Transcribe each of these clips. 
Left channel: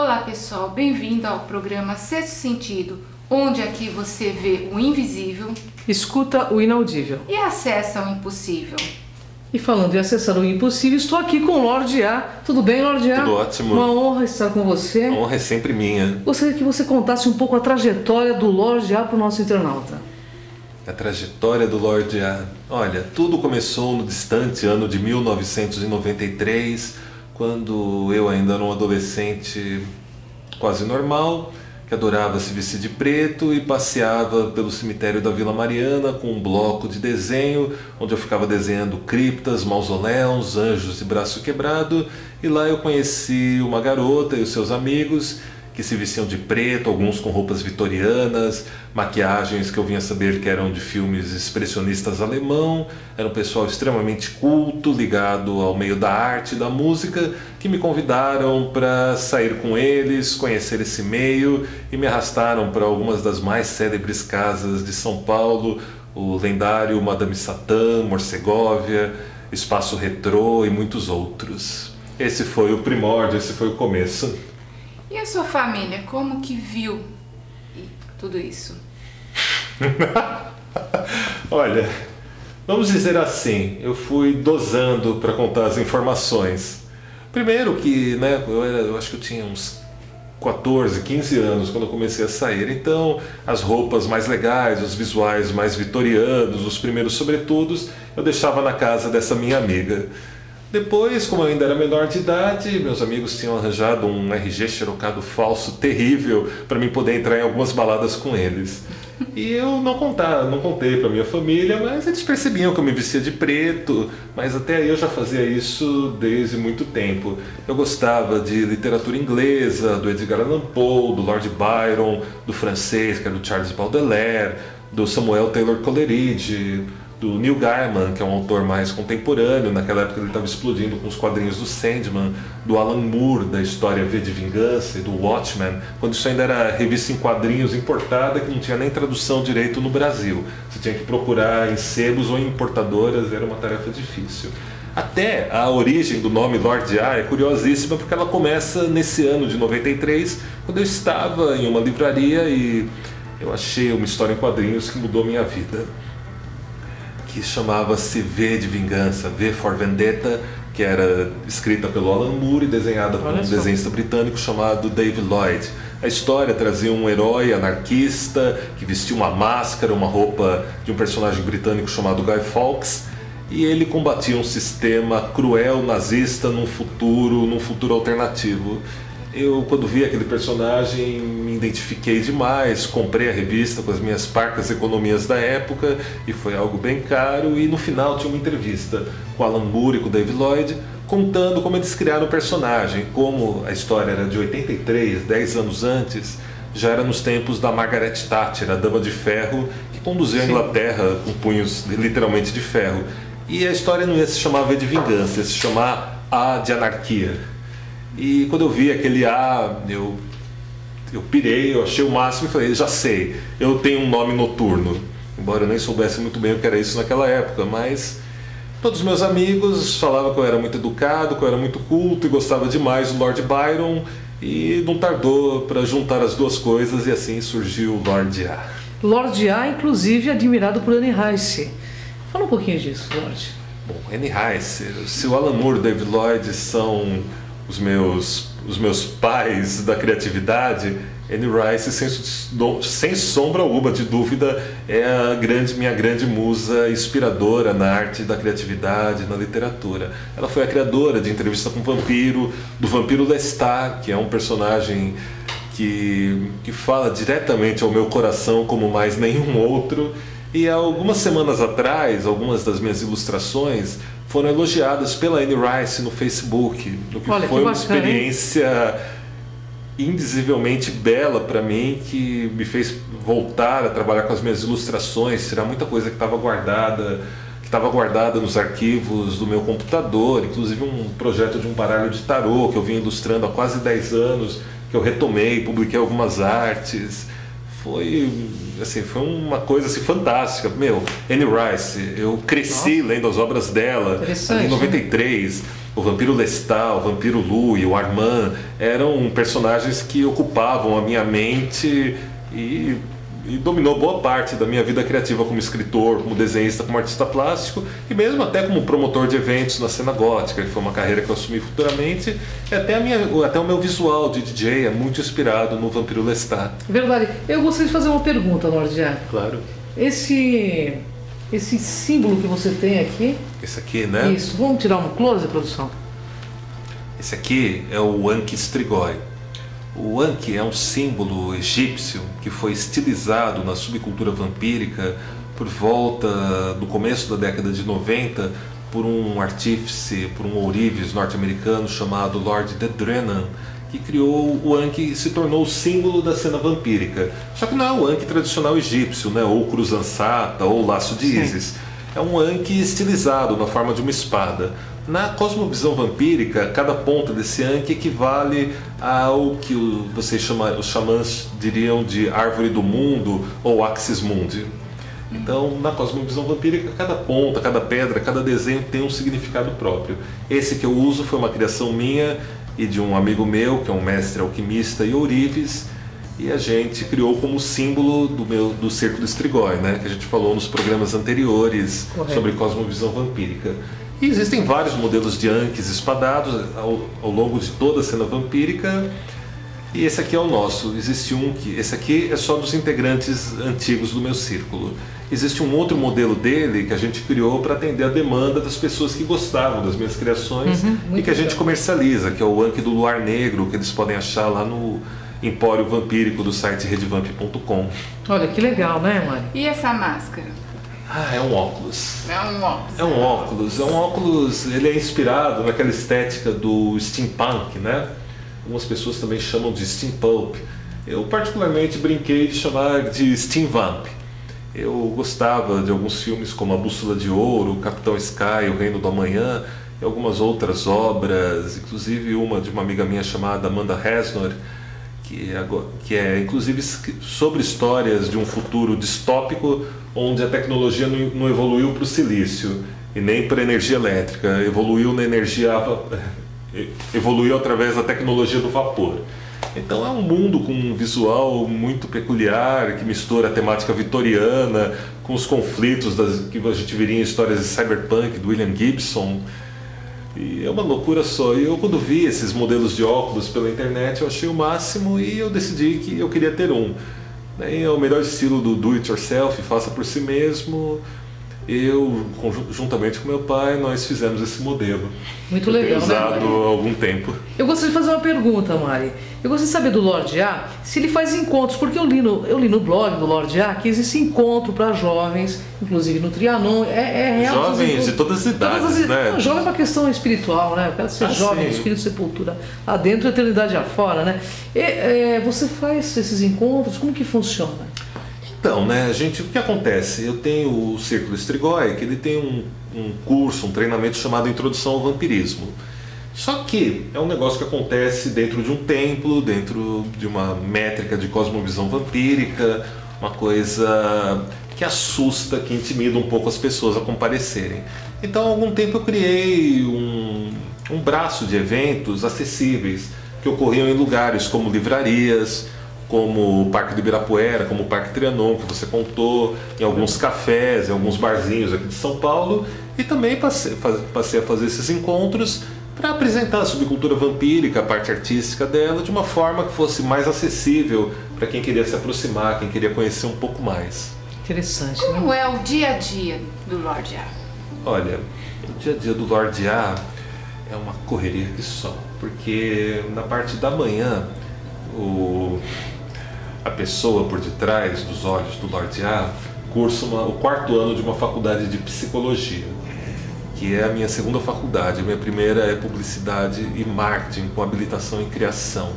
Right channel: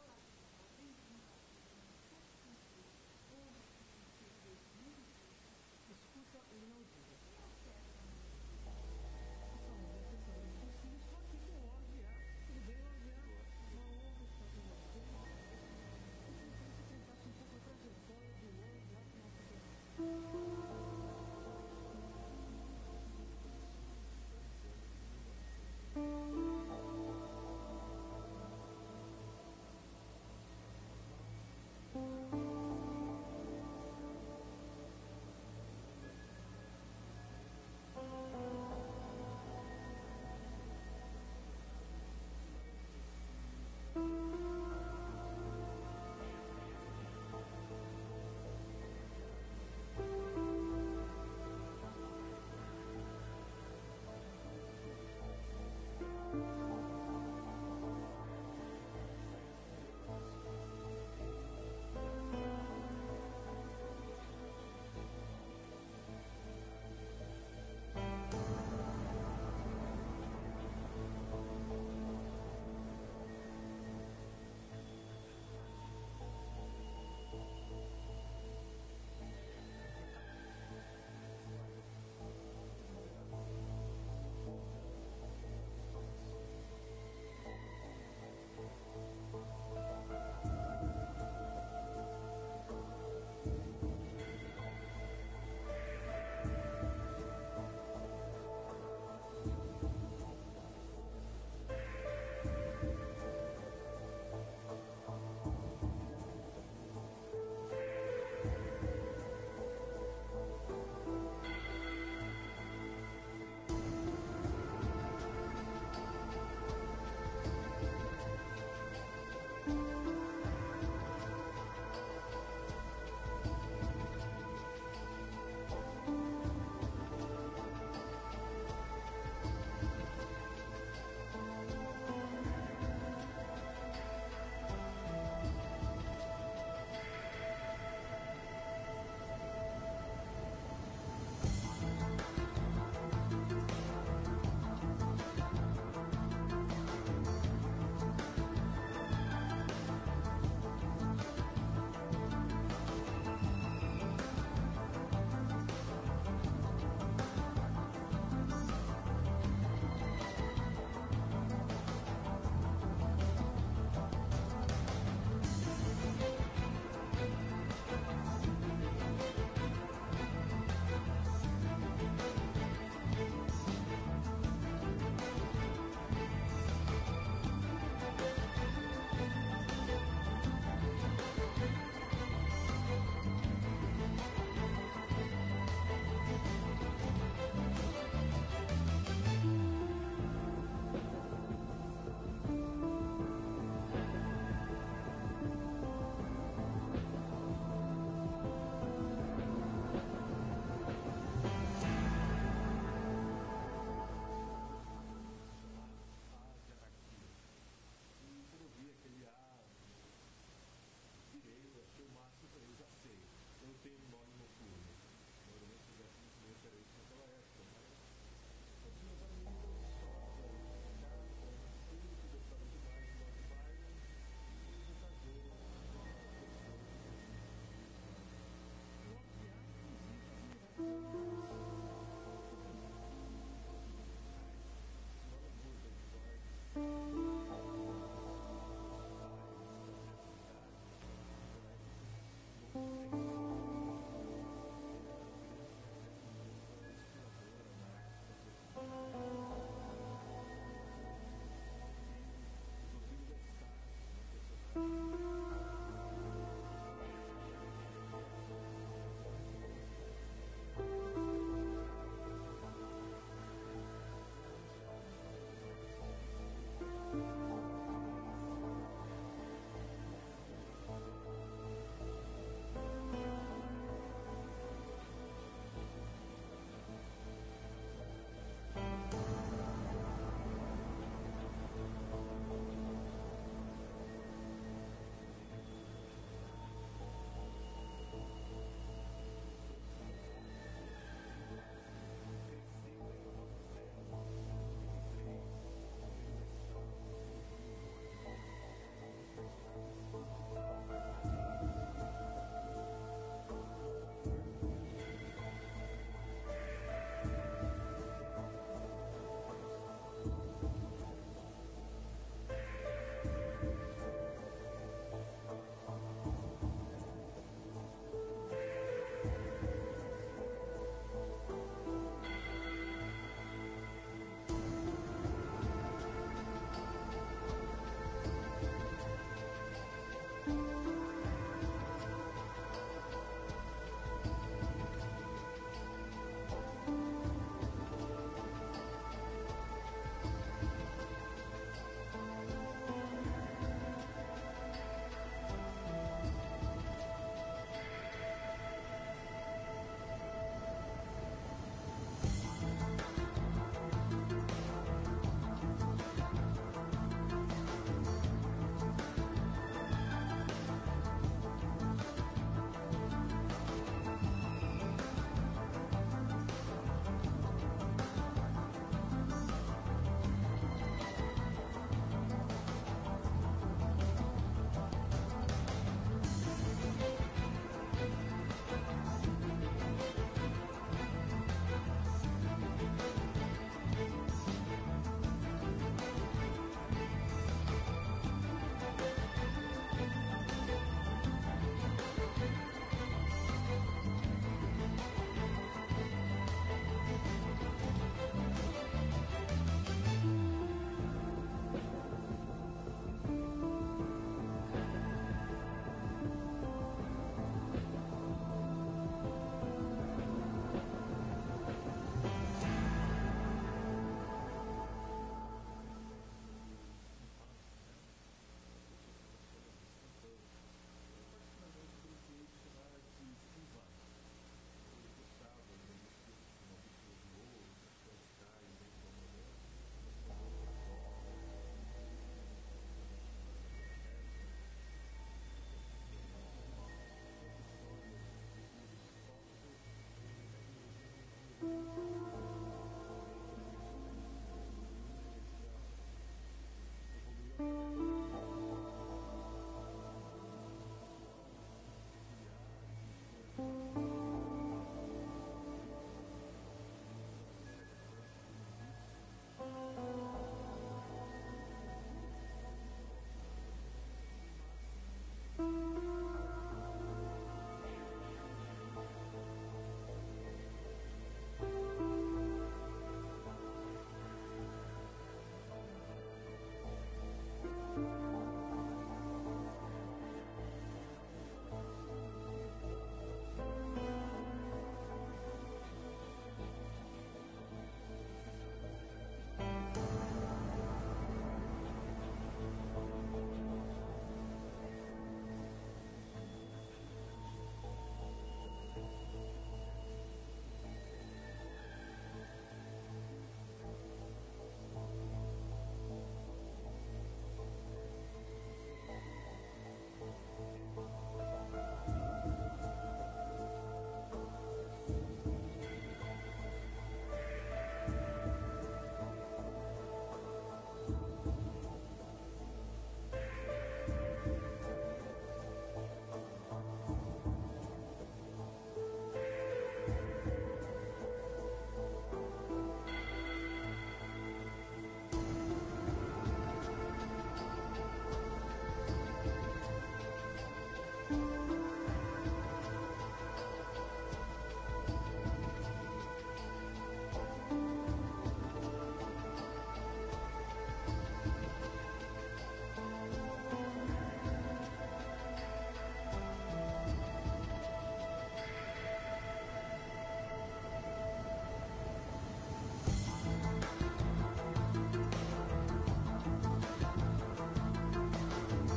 Olá pessoal, bem-vindo ao programa Sexto Sentido, onde aqui você vê o invisível, escuta o inaudível e acessa o impossível. E falando em acessar o impossível, estou aqui com o Lorde A. Tudo bem, Lorde A? Tudo ótimo. Uma honra estar com você. A honra é sempre minha. Gostaria que você contasse um pouco a trajetória do Lorde A para o nosso internauta. A trajetória do Lorde A. Olha, tudo começou no distante ano de 1993, quando eu ainda era um adolescente quase normal, que adorava se vestir de preto e passeava pelo cemitério da Vila Mariana com um bloco de desenho, onde eu ficava desenhando criptas, mausoléus, anjos de braço quebrado, e lá eu conheci uma garota e os seus amigos que se vestiam de preto, alguns com roupas vitorianas, maquiagens que eu vinha saber que eram de filmes expressionistas alemão. Era um pessoal extremamente culto, ligado ao meio da arte e da música, que me convidaram para sair com eles, conhecer esse meio, e me arrastaram para algumas das mais célebres casas de São Paulo, o lendário Madame Satã, Morsegovia, Espaço Retrô e muitos outros. Esse foi o primórdio, esse foi o começo. E a sua família, como que viu tudo isso? Olha, vamos dizer assim, eu fui dosando para contar as informações. Primeiro que, eu acho que eu tinha uns 14, 15 anos quando eu comecei a sair, então as roupas mais legais, os visuais mais vitorianos, os primeiros sobretudos, eu deixava na casa dessa minha amiga. Depois, como eu ainda era menor de idade, meus amigos tinham arranjado um RG xerocado falso terrível para mim poder entrar em algumas baladas com eles. E eu não contei para minha família, mas eles percebiam que eu me vestia de preto, mas até aí eu já fazia isso desde muito tempo. Eu gostava de literatura inglesa, do Edgar Allan Poe, do Lord Byron, do francês, que era do Charles Baudelaire, do Samuel Taylor Coleridge, do Neil Gaiman, que é um autor mais contemporâneo. Naquela época ele estava explodindo com os quadrinhos do Sandman, do Alan Moore, da história V de Vingança, e do Watchmen, quando isso ainda era revista em quadrinhos importada, que não tinha nem tradução direito no Brasil. Você tinha que procurar em sebos ou em importadoras, era uma tarefa difícil. Até a origem do nome Lorde A é curiosíssima, porque ela começa nesse ano de 93, quando eu estava em uma livraria e eu achei uma história em quadrinhos que mudou minha vida, que chamava-se V de Vingança, V for Vendetta, que era escrita pelo Alan Moore e desenhada por um desenhista britânico chamado David Lloyd. A história trazia um herói anarquista que vestia uma máscara, uma roupa de um personagem britânico chamado Guy Fawkes, e ele combatia um sistema cruel nazista num futuro alternativo. Eu, quando vi aquele personagem, me identifiquei demais, comprei a revista com as minhas parcas economias da época, e foi algo bem caro, e no final tinha uma entrevista com Alan Moore e com David Lloyd, contando como eles criaram o personagem, como a história era de 83, 10 anos antes, já era nos tempos da Margaret Thatcher, a Dama de Ferro, que conduziu a Inglaterra com punhos literalmente de ferro. E a história não ia se chamar V de Vingança, ia se chamar A de Anarquia. E quando eu vi aquele A, eu pirei, eu achei o máximo e falei, já sei, eu tenho um nome noturno. Embora eu nem soubesse muito bem o que era isso naquela época, mas todos os meus amigos falavam que eu era muito educado, que eu era muito culto e gostava demais do Lord Byron, e não tardou para juntar as duas coisas e assim surgiu o Lorde A. Lorde A, inclusive, admirado por Anne Rice. Fala um pouquinho disso, Lorde. Bom, Anne Rice, se o Alan Moore e o David Lloyd são os meus pais da criatividade, Anne Rice, sem sombra alguma de dúvida, é minha grande musa inspiradora na arte da criatividade, na literatura. Ela foi a criadora de Entrevista com o Vampiro, do Vampiro Lestat, que é um personagem que fala diretamente ao meu coração como mais nenhum outro. E há algumas semanas atrás, algumas das minhas ilustrações foram elogiadas pela Anne Rice no Facebook, o que foi uma experiência indizivelmente bela para mim, que me fez voltar a trabalhar com as minhas ilustrações, tirar muita coisa que estava guardada nos arquivos do meu computador, inclusive um projeto de um baralho de tarô que eu vim ilustrando há quase 10 anos, que eu retomei, publiquei algumas artes. foi, assim, foi uma coisa assim, fantástica. Meu, Anne Rice, eu cresci lendo as obras dela ali em 93. O Vampiro Lestat, o Vampiro Lou e o Armand eram personagens que ocupavam a minha mente e dominou boa parte da minha vida criativa como escritor, como desenhista, como artista plástico e mesmo até como promotor de eventos na cena gótica, que foi uma carreira que eu assumi futuramente. E até o meu visual de DJ é muito inspirado no Vampiro Lestat. Verdade. Eu gostaria de fazer uma pergunta, Lorde A. Claro. Esse símbolo que você tem aqui... Esse aqui, né? Isso. Vamos tirar um close, produção? Esse aqui é o Ankh Strigoi. O Ankh é um símbolo egípcio que foi estilizado na subcultura vampírica por volta do começo da década de 90 por um artífice, por um ourives norte-americano chamado Lord Dedrenan, que criou o Ankh e se tornou o símbolo da cena vampírica. Só que não é o Ankh tradicional egípcio, né? Ou cruz ansata, ou laço de Ísis. É um Ankh estilizado na forma de uma espada. Na cosmovisão vampírica, cada ponta desse Ankh equivale ao que os xamãs diriam de árvore do mundo ou axis mundi. Então, na cosmovisão vampírica, cada ponta, cada pedra, cada desenho tem um significado próprio. Esse que eu uso foi uma criação minha e de um amigo meu, que é um mestre alquimista e ourives, e a gente criou como símbolo do Círculo Strigoi, né? Que a gente falou nos programas anteriores sobre cosmovisão vampírica. E existem vários modelos de Ankhs espadados ao longo de toda a cena vampírica. E esse aqui é o nosso. Existe esse aqui é só dos integrantes antigos do meu círculo. Existe um outro modelo dele que a gente criou para atender a demanda das pessoas que gostavam das minhas criações e que a gente comercializa, que é o Ankh do Luar Negro, que eles podem achar lá no Empório Vampírico do site redvamp.com. Olha, que legal, né, Mari? E essa máscara? É um óculos. É um óculos. É um óculos. É um óculos, ele é inspirado naquela estética do steampunk, né? Algumas pessoas também chamam de steampulp. Eu particularmente brinquei de chamar de steamvamp. Eu gostava de alguns filmes como A Bússola de Ouro, Capitão Sky, O Reino do Amanhã e algumas outras obras, inclusive uma de uma amiga minha chamada Amanda Hasnor, que é inclusive sobre histórias de um futuro distópico onde a tecnologia não evoluiu para o silício e nem para a energia elétrica, evoluiu através da tecnologia do vapor. Então é um mundo com um visual muito peculiar, que mistura a temática vitoriana com os conflitos que a gente viria em histórias de cyberpunk do William Gibson. E é uma loucura só. E eu, quando vi esses modelos de óculos pela internet, eu achei o máximo e eu decidi que eu queria ter um. É o melhor estilo do do it yourself, faça por si mesmo. Eu, juntamente com meu pai, nós fizemos esse modelo. Muito legal, usado né, Mari? há algum tempo. Eu gostaria de fazer uma pergunta, Mari. Eu gostaria de saber do Lorde A se ele faz encontros, porque eu li no blog do Lorde A que existe encontro para jovens, inclusive no Trianon. É real. Jovens de todas as idades, né? Não, jovem é uma questão espiritual, né? Eu quero ser jovem, espírito sepultura lá dentro, eternidade afora, né? Você faz esses encontros, como que funciona? Então, né, gente, o que acontece? Eu tenho o Círculo Strigoi, que ele tem um curso, um treinamento chamado Introdução ao Vampirismo. Só que é um negócio que acontece dentro de um templo, dentro de uma métrica de cosmovisão vampírica, uma coisa que assusta, que intimida um pouco as pessoas a comparecerem. Então, há algum tempo eu criei um braço de eventos acessíveis, que ocorriam em lugares como livrarias, como o Parque do Ibirapuera, como o Parque Trianon, que você contou, em alguns cafés, em alguns barzinhos aqui de São Paulo, e também passei a fazer esses encontros para apresentar a subcultura vampírica, a parte artística dela, de uma forma que fosse mais acessível para quem queria se aproximar, quem queria conhecer um pouco mais. Interessante, né? Como é o dia a dia do Lorde A? Olha, o dia a dia do Lorde A é uma correria que só, porque na parte da manhã, a pessoa por detrás dos olhos do Lorde A cursa o quarto ano de uma faculdade de psicologia, que é a minha segunda faculdade. A minha primeira é publicidade e marketing com habilitação em criação.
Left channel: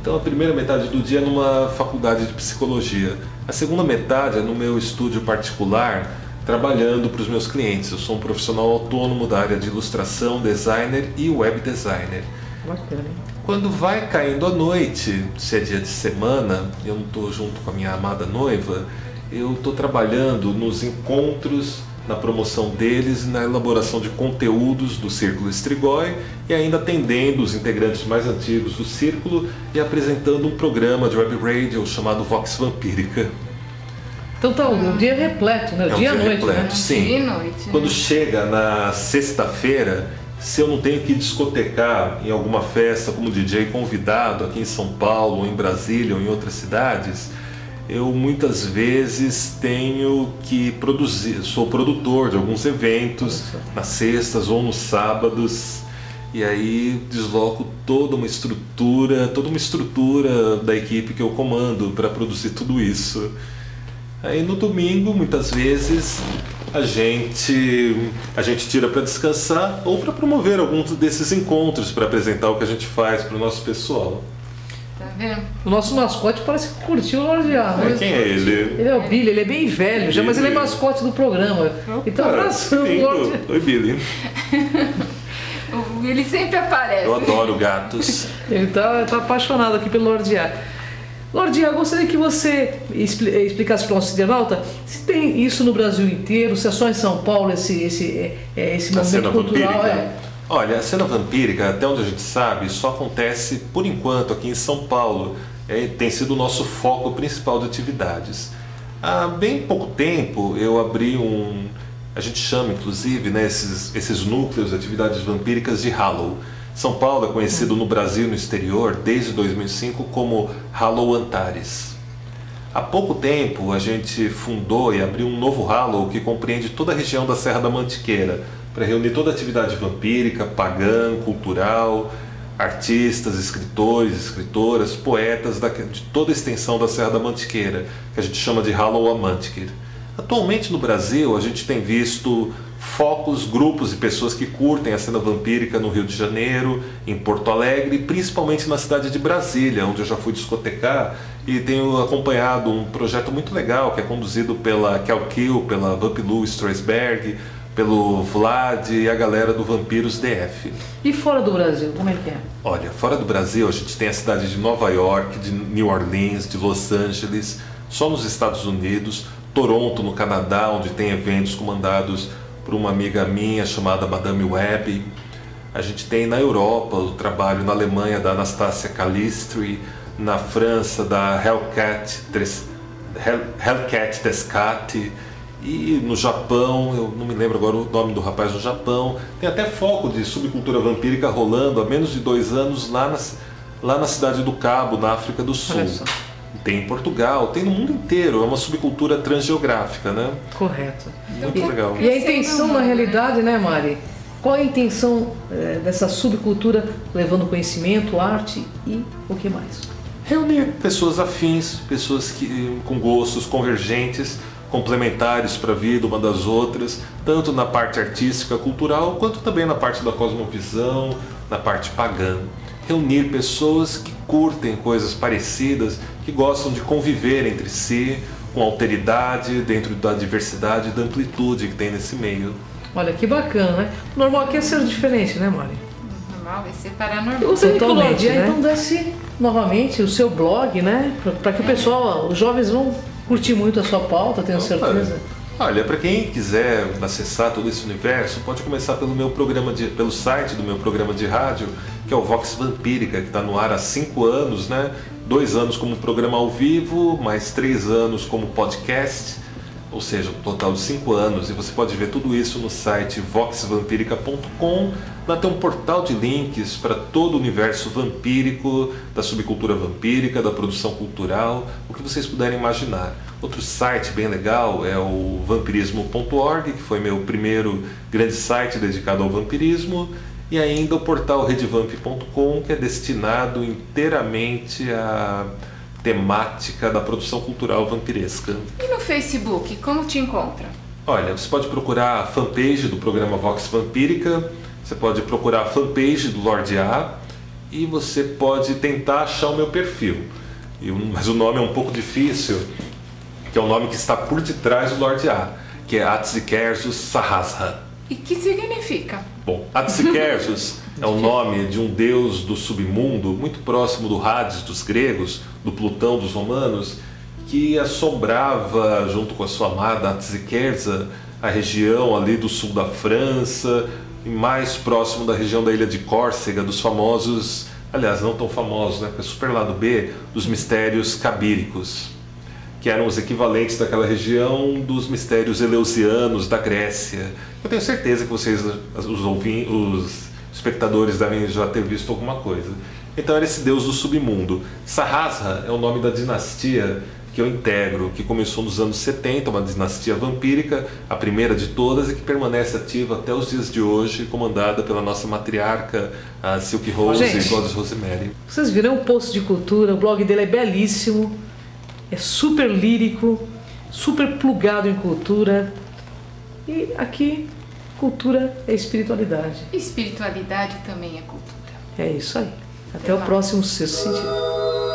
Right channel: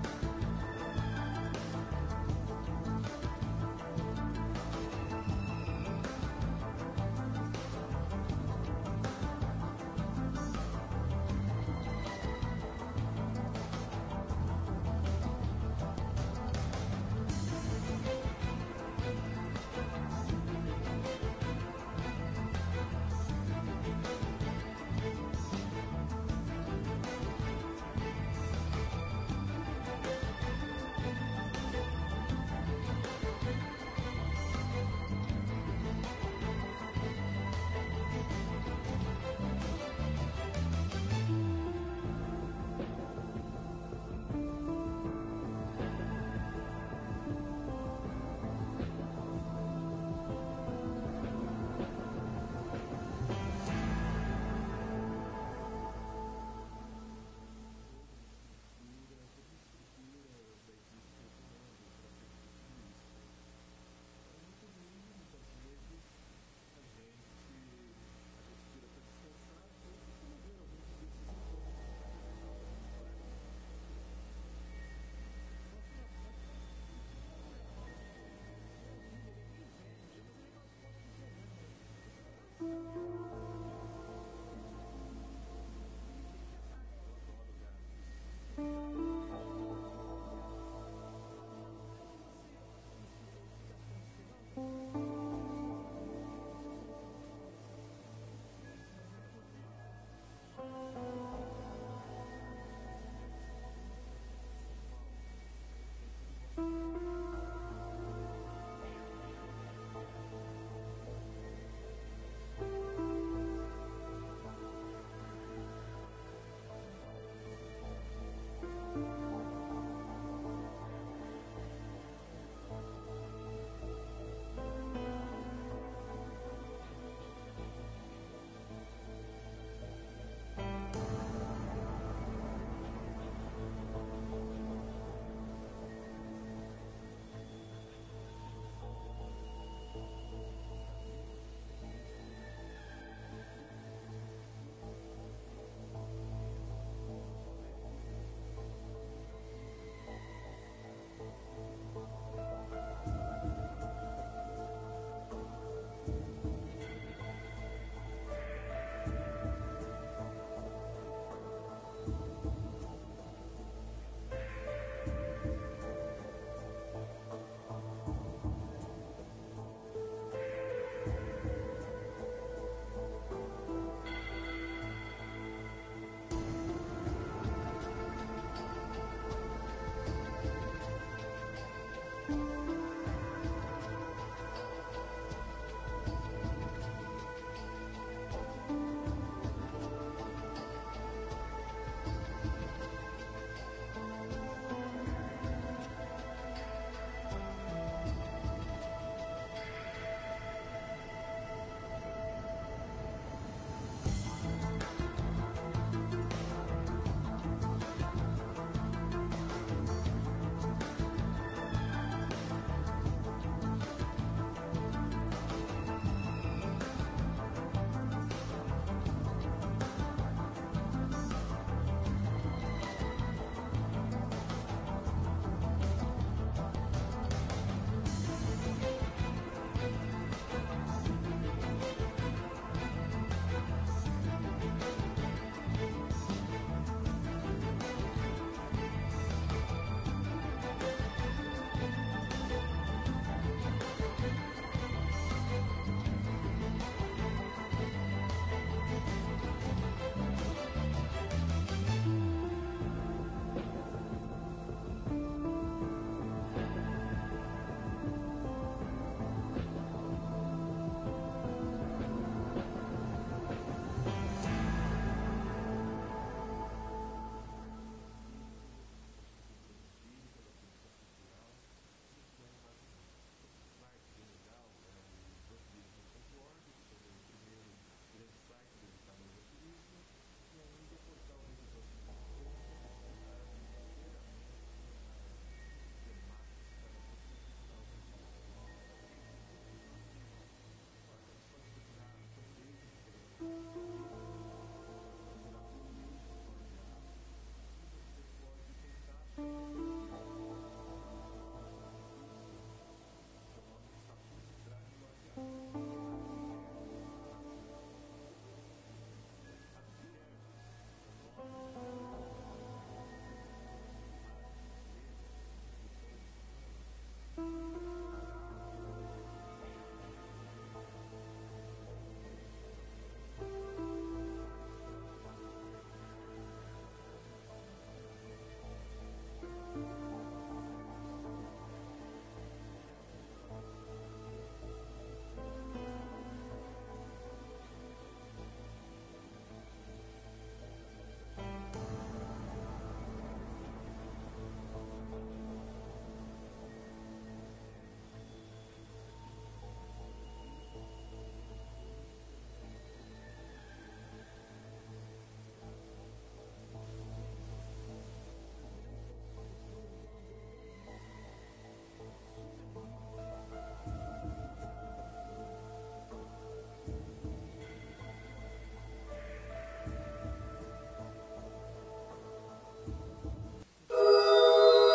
Então a primeira metade do dia é numa faculdade de psicologia. A segunda metade é no meu estúdio particular, trabalhando para os meus clientes. Eu sou um profissional autônomo da área de ilustração, designer e web designer. Quando vai caindo a noite, se é dia de semana, eu não estou junto com a minha amada noiva, eu estou trabalhando nos encontros, na promoção deles e na elaboração de conteúdos do Círculo Strigoi e ainda atendendo os integrantes mais antigos do Círculo e apresentando um programa de web radio chamado Vox Vampírica. Então tá, o dia é repleto, né? É um dia e noite, repleto, né? sim. Dia e noite. Quando chega na sexta-feira, se eu não tenho que discotecar em alguma festa como DJ convidado aqui em São Paulo, ou em Brasília, ou em outras cidades, eu muitas vezes tenho que produzir, sou produtor de alguns eventos nas sextas ou nos sábados, e aí desloco toda uma estrutura da equipe que eu comando para produzir tudo isso. Aí no domingo, muitas vezes, a gente tira para descansar ou para promover alguns desses encontros, para apresentar o que a gente faz para o nosso pessoal. Tá vendo? O nosso mascote parece que curtiu o Lorde A, né? Quem é ele? Ele é o Billy, ele é bem velho já, mas ele é mascote do programa. Então abraçando o Lorde A. Oi, Billy. Ele sempre aparece. Eu adoro gatos. Ele tá apaixonado aqui pelo Lorde A. Lorde A, eu gostaria que você explicasse para o nosso internauta se tem isso no Brasil inteiro, se é só em São Paulo esse movimento cultural. Olha, a cena vampírica, até onde a gente sabe, só acontece por enquanto aqui em São Paulo. Tem sido o nosso foco principal de atividades. Há bem pouco tempo eu abri a gente chama inclusive, né, esses núcleos de atividades vampíricas de Hallow. São Paulo é conhecido no Brasil e no exterior desde 2005 como Hallow Antares. Há pouco tempo a gente fundou e abriu um novo Hallow que compreende toda a região da Serra da Mantiqueira, para reunir toda a atividade vampírica, pagã, cultural, artistas, escritores, escritoras, poetas de toda a extensão da Serra da Mantiqueira, que a gente chama de Hallow Amantiqueira. Atualmente no Brasil a gente tem visto focos, grupos e pessoas que curtem a cena vampírica no Rio de Janeiro, em Porto Alegre, principalmente na cidade de Brasília, onde eu já fui discotecar e tenho acompanhado um projeto muito legal que é conduzido pela Kel Kill, pela Vampilu Strasberg, pelo Vlad e a galera do Vampiros DF. E fora do Brasil, como é que é? Olha, fora do Brasil a gente tem a cidade de Nova York, de New Orleans, de Los Angeles, só nos Estados Unidos, Toronto, no Canadá, onde tem eventos comandados por uma amiga minha chamada Madame Web. A gente tem na Europa o trabalho na Alemanha da Anastasia Calistri, na França da Hellcat Descati, e no Japão, eu não me lembro agora o nome do rapaz no Japão, tem até foco de subcultura vampírica rolando há menos de 2 anos lá na cidade do Cabo, na África do Sul. Tem em Portugal, tem no mundo inteiro, é uma subcultura transgeográfica, né? Correto. Muito legal. E a intenção, na realidade, né, Mari? Qual é a intenção dessa subcultura levando conhecimento, arte e o que mais? Reunir pessoas afins, pessoas com gostos convergentes, complementares para a vida uma das outras, tanto na parte artística, cultural, quanto também na parte da cosmovisão, na parte pagã. Reunir pessoas que curtem coisas parecidas, que gostam de conviver entre si, com alteridade, dentro da diversidade e da amplitude que tem nesse meio. Olha, que bacana, né? O normal aqui é ser diferente, né, Mari? Normal, é separar normal. Eu sei que o Totalmente, Lorde A, né? então desce novamente o seu blog, né? Para que o pessoal, os jovens vão curtir muito a sua pauta, tenho certeza. Olha, para quem quiser acessar todo esse universo, pode começar pelo site do meu programa de rádio, que é o Vox Vampírica, que está no ar há 5 anos, né? 2 anos como programa ao vivo, mais 3 anos como podcast, ou seja, um total de 5 anos. E você pode ver tudo isso no site voxvampirica.com. Lá tem um portal de links para todo o universo vampírico, da subcultura vampírica, da produção cultural, o que vocês puderem imaginar. Outro site bem legal é o vampirismo.org, que foi meu primeiro grande site dedicado ao vampirismo, e ainda o portal redevamp.com, que é destinado inteiramente à temática da produção cultural vampiresca. E no Facebook, como te encontra? Olha, você pode procurar a fanpage do programa Vox Vampírica, você pode procurar a fanpage do Lorde A e você pode tentar achar o meu perfil. Mas o nome é um pouco difícil, que é o nome que está por detrás do Lorde A, que é Atsikersus Sahasra. E que significa? Bom, Atsikersus É o nome de um deus do submundo, muito próximo do Hades dos gregos, do Plutão dos romanos, que assombrava, junto com a sua amada Atziquerza, a região ali do sul da França, e mais próximo da região da ilha de Córcega, dos famosos, aliás, não tão famosos, né, porque é super lado B, dos mistérios cabíricos, que eram os equivalentes daquela região dos mistérios eleusianos da Grécia. Eu tenho certeza que vocês, os espectadores, devem já ter visto alguma coisa. Então era esse deus do submundo. Sahasra é o nome da dinastia que eu integro, que começou nos anos 70, uma dinastia vampírica, a primeira de todas, e que permanece ativa até os dias de hoje, comandada pela nossa matriarca, a Silk Rose e Goddess Rosemary. Vocês viram o post de cultura, o blog dele é belíssimo, é super lírico, super plugado em cultura. E aqui, cultura é espiritualidade. Espiritualidade também é cultura. É isso aí. Até o próximo Sexto Sentido.